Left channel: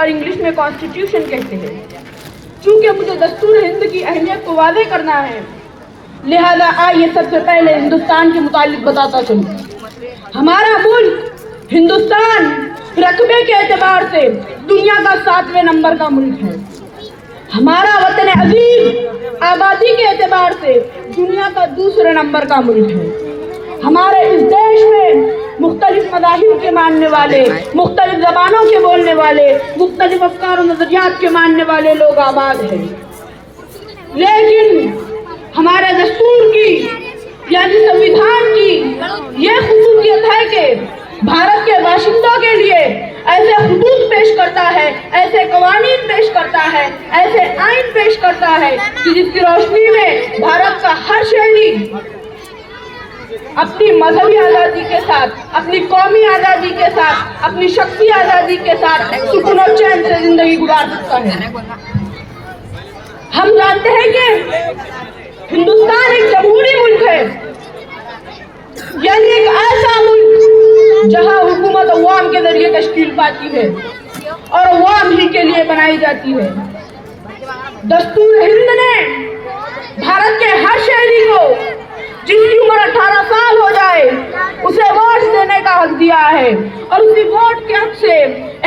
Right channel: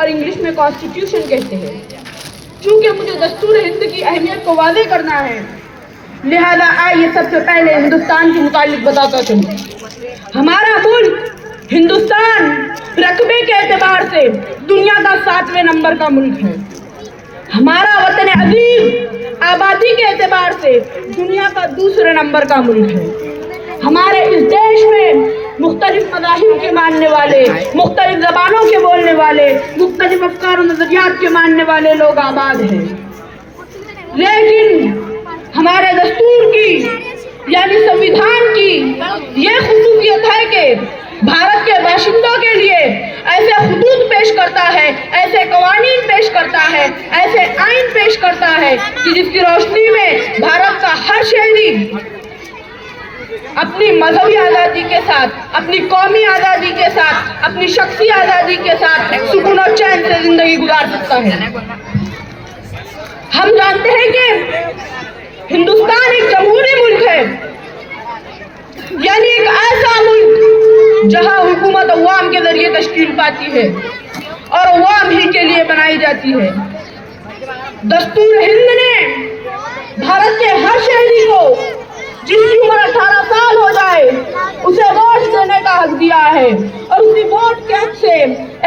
और इंग्लिश में कॉन्स्टिट्यूशन कहते हैं। चूंकि मुझे दस्तूर हिंद की अहमियत को वाज़ेह करना है, लिहाजा आइए सबसे पहले हिंदुस्तान के मुतालिक बताता चलूं। हमारा मुल्क हिंदुस्तान रकबे के एतबार से दुनिया का 7वें नंबर का मुल्क है। हमारा वतन अजीम आबादी के एतबार से दुनिया का 2 नंबर का मुल्क है। हमारे इस देश में मुख्तलिफ मज़ाहिब के मानने वाले, मुख्तलिफ ज़बानों के बोलने वाले, मुख्तलिफ अफ़कार और नज़रियात के मानने वाले लोग आबाद हैं। लेकिन हमारे दस्तूर की यानी संविधान की ये ख़ुसूसियत है कि भारत के बाशिंदों के लिए ऐसे हुदूद पेश करता है, ऐसे कवानीन पेश करता है, ऐसे आइन पेश करता है कि जिसकी रोशनी में भारत का हर शहरी अपनी मजहबी आज़ादी के साथ, अपनी कौमी आज़ादी के साथ, अपनी शख्सी आज़ादी के साथ सुकून और चैन से जिंदगी गुजार सकता है। हम जानते हैं कि हिंदुस्तान एक जमहूरी मुल्क है, यानी एक ऐसा मुल्क जहां हुकूमत अवाम के जरिए तश्कील पाती है और अवाम ही के लिए बनाई जाती है। दस्तूर हिंद ने भारत के हर शहरी को जिसकी उम्र 18 साल हो जाए उसे वोट देने का हक दिया है, और उसी वोट के हक से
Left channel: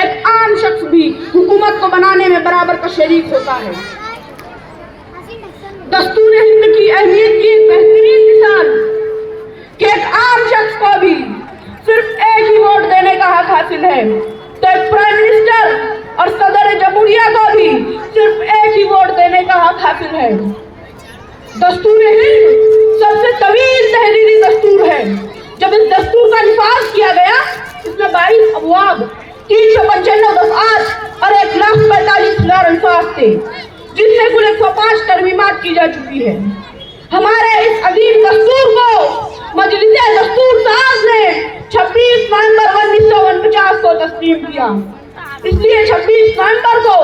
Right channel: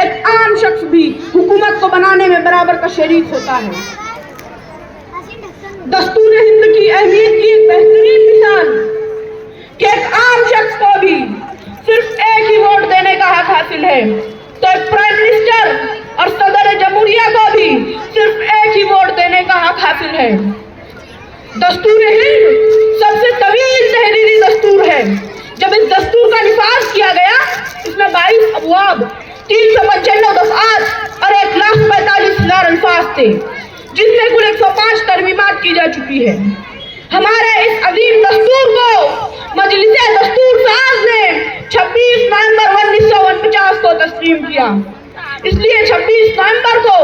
एक आम शख्स भी हुकूमत को बनाने में बराबर का शरीक होता है। दस्तूर हिंद की अहमियत की बेहतरीन मिसाल कि एक आम शख्स को भी सिर्फ एक ही वोट देने का हक हासिल है, तो एक प्राइम मिनिस्टर और सदर जमहूरिया को भी सिर्फ एक ही वोट देने का हक हासिल है। दस्तूर हिंद सबसे तवील तहरीरी दस्तूर है। जब इस दस्तूर का निफाज किया गया, इसमें 22 अबवाब, 395 दफ़आत और 1,45,000 अल्फाज थे, जिसमें कुल 105 तरमीमात की जा चुकी है। हमारे इस अजीम दस्तूर को मजलिस दस्तूर साज ने 26 नवंबर 1949 को तस्लीम किया। इसलिए 26 नवंबर को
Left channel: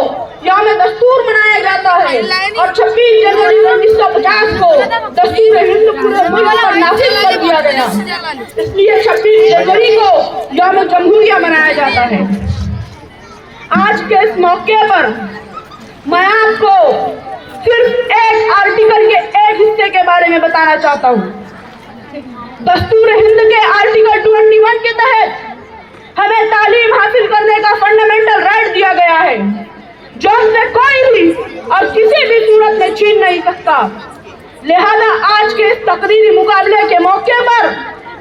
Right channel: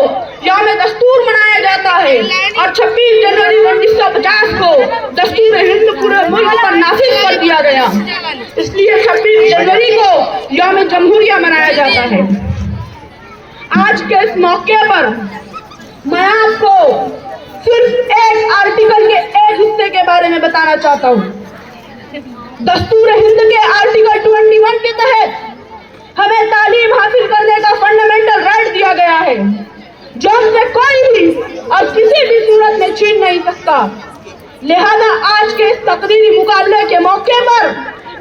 यौम दस्तूर मनाया जाता है और 26 जनवरी 1950 को दस्तूर हिंद पूरे मुल्क पर नाफिज कर दिया गया। इसलिए 26 जनवरी को यौम जमहूरिया मनाया जाता है। आज के इस मौके पर मैं आपको सिर्फ एक आर्टिकल के एक हिस्से के बारे में बताना चाहता हूँ। दस्तूर हिंद के आर्टिकल 21 के तहत हमें तालीम हासिल करने का फंडामेंटल राइट दिया गया है, जो हमसे कोई भी और किसी भी सूरत में छीन नहीं सकता। लिहाजा आज के इस तकरीरी मुकाबले के मौके पर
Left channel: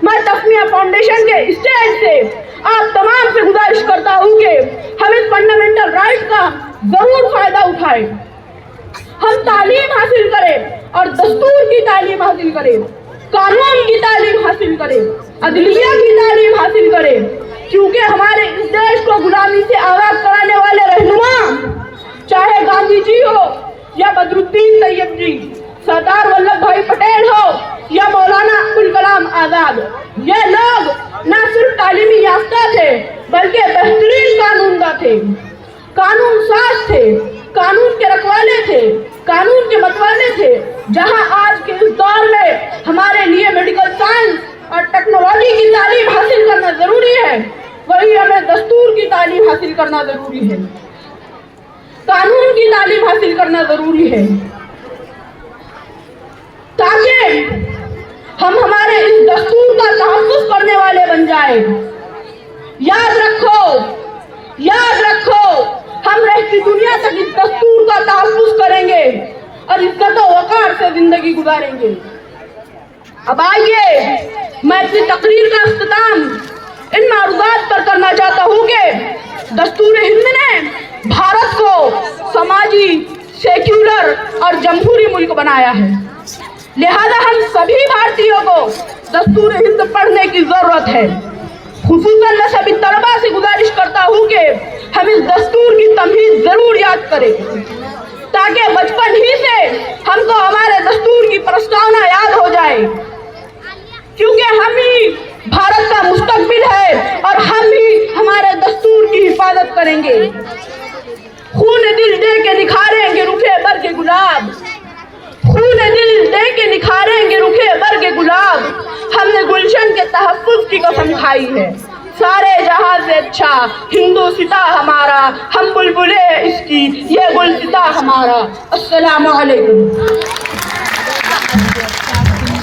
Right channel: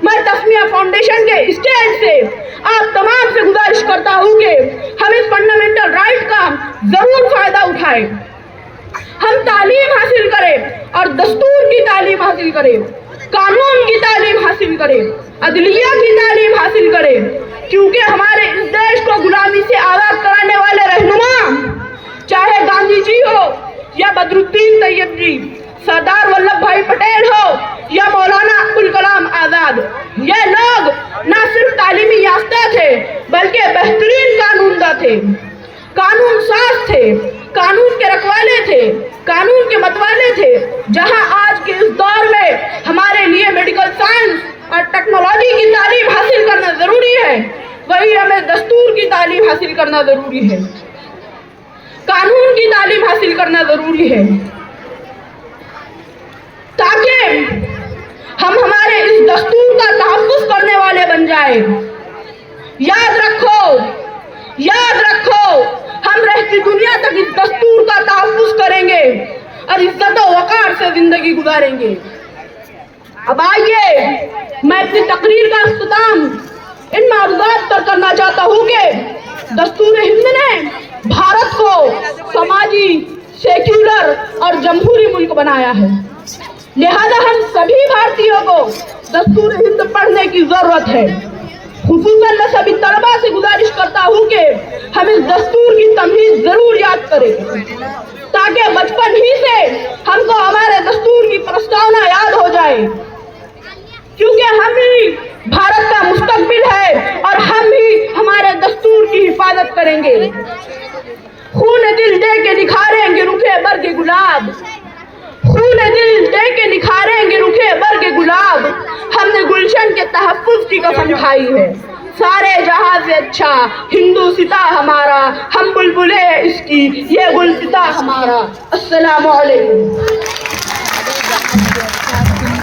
मैं तस्मिया फाउंडेशन के स्टेज से आप तमाम से गुजारिश करता हूँ कि हम इस फंडामेंटल राइट का जरूर फायदा उठाएं। हम तालीम हासिल करें और दस्तूर की तालीम हासिल करें, कानून की तालीम हासिल करें, अदलिया की तालीम हासिल करें, क्योंकि हमारे इस देश को गुलामी से आज़ाद कराने वाले रहनुमा, चाहे गांधी जी हो या बदरुद्दीन तैयब जी, सरदार वल्लभ भाई पटेल हो या मौलाना अब्दुल कलाम आजाद, ये लोग न सिर्फ तालीमी याफ्ता थे बल्कि बेहतरीन कानूनदा थे, कानून साज थे, कानून के रखवाले थे, कानून के मतवाले थे। जहां आज के इस दौर में हमारे लिए मेडिकल साइंस और टेक्नोलॉजी की तालीम हासिल करना जरूरी है, वही हमें दस्तूर की तालीम हासिल करना जरूरी है, कानून की तालीम हासिल करना जरूरी है, ताकि हम हमारे इस दस्तूर का तहफ़्फ़ुज़ करने वाले बन जाए। याद रखो, हम रहती दुनिया तक इस दस्तूर का तहफ़्फ़ुज़ करेंगे और इज्जत और वक़ार से जिंदगी गुजारेंगे। अब आइए मैं अपनी तकरीर का इख्तिताम इन मौज़ूआत पर करना चाहता हूँ कि दस्तूर हिंद ने भारत को समाजी, सेक्युलर और जमहूरी मुल्क बनाया है। लिहाजा हम सभी भारतीयों को दस्तूर हिंद पढ़ने की जरूरत है। खुसूसन मैं सभी तलबा से गुजारिश करता हूँ कि हम इस दस्तूर की तमहीद जरूर याद करें, ताकि बचपन ही से हमको हमारे दस्तूर की प्रस्तावना याद हो जाए, क्योंकि हम ही भारत का मुस्तकबिल है और हम ही हमारे दस्तूर की हिफाजत करेंगे। खून दिल दे के निखारेंगे रुखे बर्ग गुलाब, खून दिल दे के निखारेंगे रुखे बर्ग गुलाब, हमने गुलशन के तहफ़्फ़ुज़ की कसम खाई है, سارے جہاں سے اچھا ہندوستاں ہمارا، ہم بلبلے اس کی یہ گلستاں ہمارا۔ السلام علیکم۔